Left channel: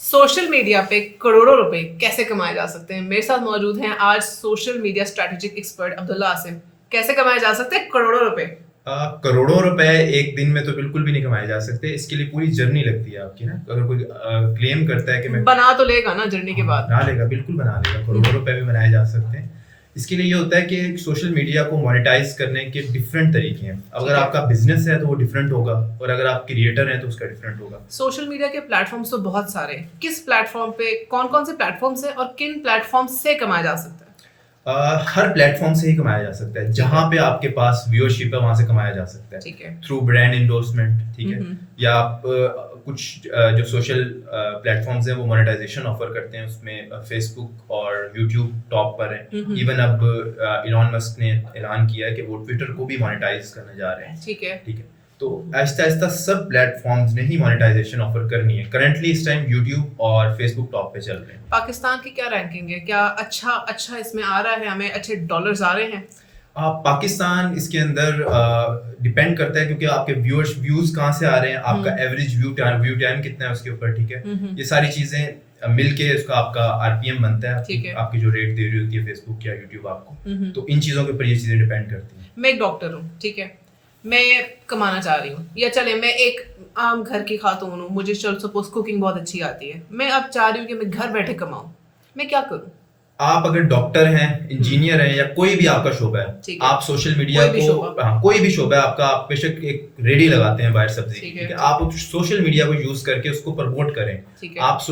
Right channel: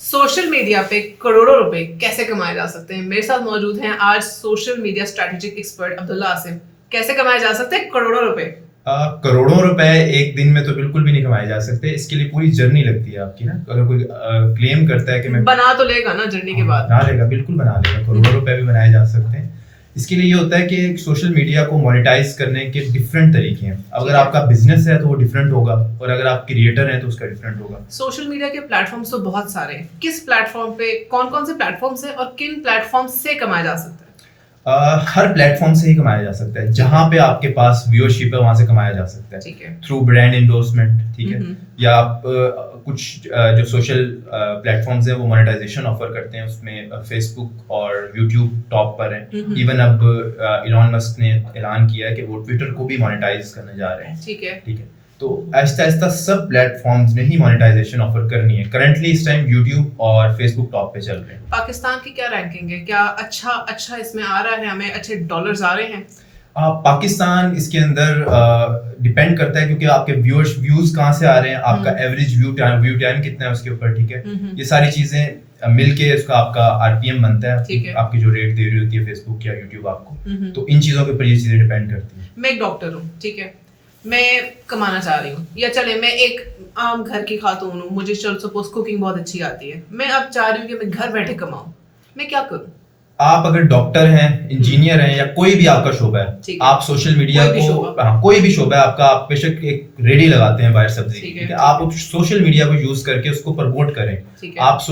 Social media पे करोड़ों रुपए कैसे कमाए जा सकते हैं। मेरे साथ मौजूद हैं आज social media strategic expert Abdullah Asim. कैसे कमाए जा सकते हैं करोड़ों रुपए? करोड़ों रुपए एक दिन में तो बिल्कुल भी नहीं कमाए जा सकते। इसके लिए पूरी जर्नी लगती है आपकी ना। अगर कोई क्लेम करता है कि मैं बना तो लेगा ना जर्नी के बाद, बना लेगा, बिल्कुल बना लेगा। करोड़ों रुपए भी बनाए जा सकते हैं। इसके लिए ये होता है कि सोशल मीडिया को मोनेटाइज करने के डिफरेंट तरीके हैं। अगर आपका बिजनेस है तो वो डिफरेंट होगा, और अगर आप क्रिएटर हैं तो उसका डिफरेंट होगा। सोशल मीडिया के प्लेटफॉर्म्स तो बहुत सारे हैं। किस प्लेटफॉर्म पे कौन कौन से प्लेटफॉर्म्स हैं और किन प्लेटफॉर्म से कमाया जा सकता है? हर प्लेटफॉर्म से ही कमाया जा सकता है। जहां पे आपके पास व्यूअरशिप है वहां से कमाया जा सकता है। ठीक है। थ्रू ब्रांड इंडोर्समेंट, ठीक है। या आप कुछ जो सोशल प्लेटफॉर्म्स हैं वो मोनेटाइजेशन ऑफर करते हैं। उसमें फेसबुक और यूट्यूब टॉप पर हैं। इवन अब इलॉन मस्क ने ऐलान किया है कि वो ट्विटर को भी मोनेटाइज करने जा रहे हैं। ठीक है, ठीक है। तो आहिस्ता आहिस्ता सब प्लेटफॉर्म्स में ही मोनेटाइजेशन ऑफर करनी है। करंटली इस टाइम यूट्यूब और फेसबुक टॉप पे चल रहे हैं। पाकिस्तान की क्या रैंकिंग है? क्या अच्छा इसमें आ रहा है? हमें अच्छे डॉलर्स आ रहे हैं? पाकिस्तान इसके अंदर डिपेंड करता है, क्योंकि आपके व्यूज कहाँ से आ रहे हैं, आपका एवरेज व्यू टाइम कितना है उसके ऊपर। ठीक है। ये सारी चीजें मिलके उसका आपका आरपीएम बनता है। आपकी जो रेट दे रही होती है फेसबुक या यूट्यूब आपको, तो इन चीजों के ऊपर ये चीजें डिपेंड करती हैं। मैं एक डॉक्टर हूँ, ठीक है। मैं कमाना चाह रही हूँ, या चले मैं एक आम घर की खातून हूँ, मुझे चल सपोज कुकिंग बहुत अच्छी आती है। मैं अब चाह रही हूँ कि मैं घर बैठे कमाऊँ। मैं क्या करूँ? आप अगर डॉक्टर हैं, इंजीनियर हैं, या कोई भी आपका शोबा है, आप सोशल मीडिया को, कोई भी शोबा है आपका, आप बेशक एक रेडी लगाते हैं बाहर सब्जी, ठीक है, आप सोशल मीडिया को यूज करके उसको प्रमोट करें। आप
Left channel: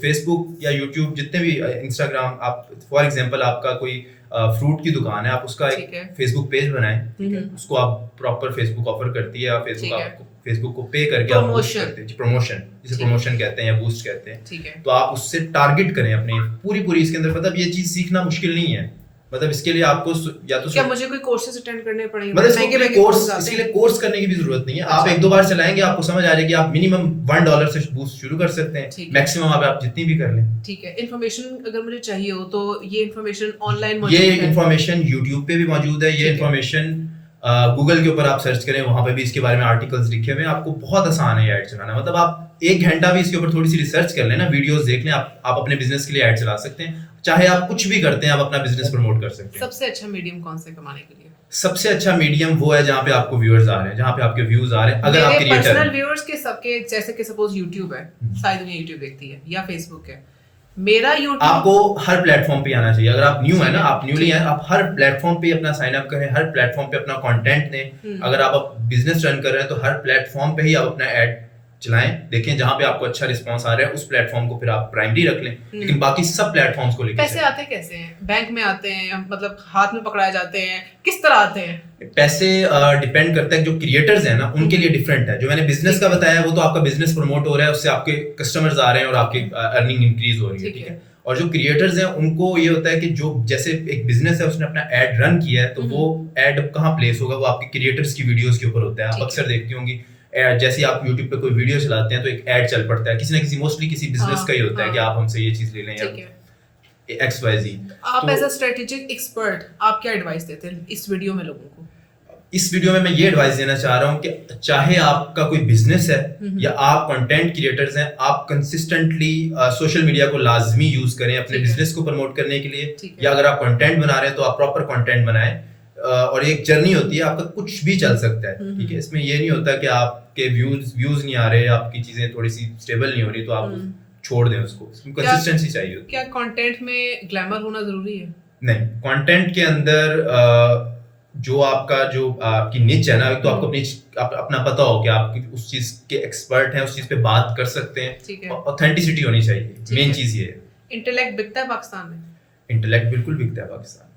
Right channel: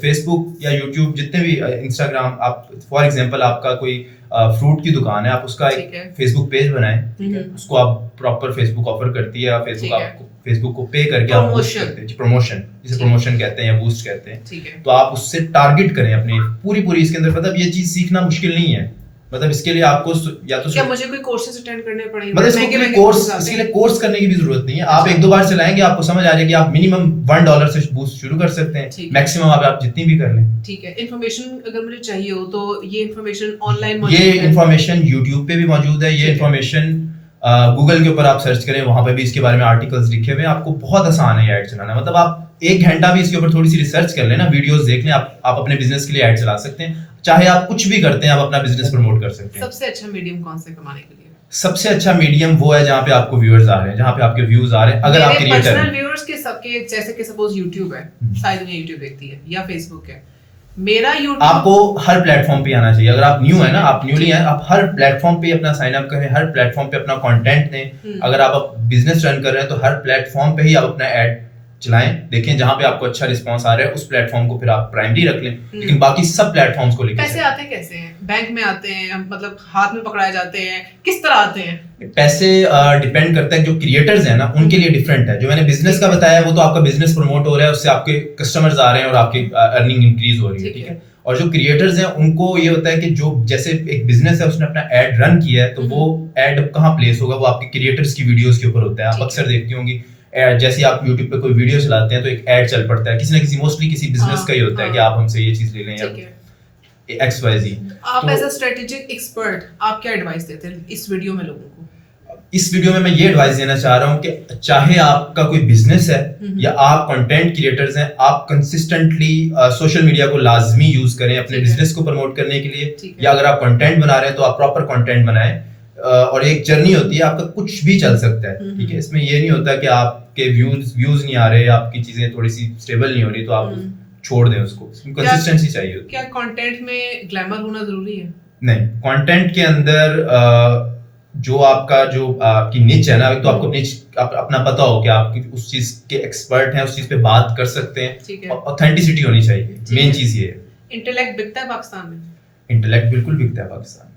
फेसबुक या यूट्यूब, जितने भी इंस्टाग्राम, आप फॉर एग्जांपल आपका कोई फ्रूट की दुकान है, आप उसका एक फेसबुक पेज बनाएं। ठीक है। उसको आप प्रॉपर फेसबुक ऑफर करती है, फेसबुक आपको फेसबुक को पे करके आप बूस्ट करते हैं। प्रमोशन, जिसे प्रमोशन कहते हैं या बूस्ट कहते हैं। तो आप उससे टारगेट करें अपने पूरी इसके अंदर। मतलब ये चीज सीखना मुश्किल नहीं है। मतलब इसके लिए आपको या तो क्या मुझे कोई कोर्सेज अटेंड करने पड़ेंगे? मतलब इसके लिए कोर्स करने की भी जरूरत नहीं है। आप एक दो बार चलाएंगे, आपको समझ आ जाएगी। आप मिनिमम $1 से बूस्ट शुरू कर सकते हैं। मैक्सिमम आप जितनी भी कर लें। ठीक है। इन्फॉर्मेशन अगर मुझे चाहिए हो तो ये इन्फॉर्मेशन ऑनलाइन ये इन्फॉर्मेशन यूट्यूब पे भी मौजूद है। ये इन्फॉर्मेशन गूगल के ऊपर आप सर्च करें, वहां पे भी इसके बारे में आर्टिकल्स लिखे हुए हैं। आपको बहुत आसान है ये ऐड चलाना। मतलब आप 1 घंटा भी इसके ऊपर थोड़ी सी रिसर्च कर लेना, वीडियोस देख लें, आप अपने बिजनेस के लिए ऐड चला सकते हैं। चाहे आप कुछ भी करते हैं, आप अपना बिजनेस प्रमोट कर सकते हैं। सबसे अच्छा मीडियम कौन से कमाने के लिए? सबसे अच्छा मीडियम वो है जहाँ पे आपको व्यूअर्स आ रहे हैं, जहाँ पे आपके व्यूज आ रहे हैं। अगर आप क्रिएटर हैं, व्यूअर्स के सबके, जैसे कि सपोज यूट्यूब है, शायद दुनिया यूट्यूब देखती है, या फेसबुक है, मेरा यूट्यूब, आपको हर प्लेटफॉर्म पे आना चाहिए। अगर आप न्यू है ना, आप न्यूली हैं, आप हर प्लेटफॉर्म पे अपना साइन अप करें, हर प्लेटफॉर्म पे अपना कंटेंट दें। अगर आप बिजनेस रन कर रहे हैं तो हर प्लेटफॉर्म पे ही आप अपना ऐड चलाएं। देखें जहां पे आपको अच्छा रिस्पांस आ रहा है, उस प्लेटफॉर्म को फिर आप प्राइमरी रख लें। लेकिन बाकी सब प्लेटफॉर्म्स को लेकर पैसे आते कैसे हैं? बैंक में आते हैं, मतलब हाथ में पकड़ाए जाते हैं, किस तरह आते हैं? पैसे डिपेंड करता है। जो क्रिएटर्स हैं ना, उनके लिए डिफरेंट है। जो मैंने बिजनेस का बताया वो तो आपका बिजनेस प्रमोट हो रहा है, उससे आपके कस्टमर्स आ रहे हैं और आपकी अर्निंग इंक्रीज हो रही है। ठीक है। और जो क्रिएटर्स हैं उनको ये होता है कि जो जैसे एक बिजनेस है, उसने अपना एड रन किया है, तो वो एड कहाँ प्लेस होगा, वो आपके क्रिएटर्स की वीडियोस के ऊपर होता है। आप अक्सर देखती होंगी जैसे आप YouTube पे कोई वीडियो चलाते हैं तो एक ऐड चल पड़ता है। किसी ना किसी, मोस्टली किसी बिजनेस का ही होता है कि आप हमसे ये चीज ले लें या XYZ। आप एज अ स्ट्रेटेजिक एक्सपर्ट आप क्या एडवाइस देते हैं इस वीडियो में लोगों को? इस वीडियो में मैं ये एडवाइस देना चाह रहा हूँ कि चाहे आपका कोई बिजनेस है या आप कंटेंट क्रिएटर्स हैं, आप कंसिस्टेंटली सोशल मीडिया को लाजमी यूज करें अपने बिजनेस को प्रमोट करने के लिए। या अगर आप कंटेंट बना रहे हैं तो आप प्रॉपर कंटेंट बनाएं। और एक जर्नी होती है, आपका कुछ भी चल सकता है। ठीक है। इसमें ये नहीं होता कि आपके व्यूज नहीं आ रहे, आपकी चीजें थोड़ी सी स्टेबल नहीं हो रही तो आप छोड़ दें उसको। कंसिस्टेंसी चाहिए। क्या कंटेंट में ग्लैमर होना जरूरी है? नहीं, कंटेंट के अंदर जो आपकी निच है ना, तो आपको अपना पता हो कि आप उस चीज के एक्सपर्ट हैं, उस चीज पे बात कर सकते हैं। ऑथेंटिसिटी होनी चाहिए, मेन चीज ये है। इंटेलेक्ट बिकता है पाकिस्तान में? इंटेलेक्ट बिल्कुल बिकता है पाकिस्तान।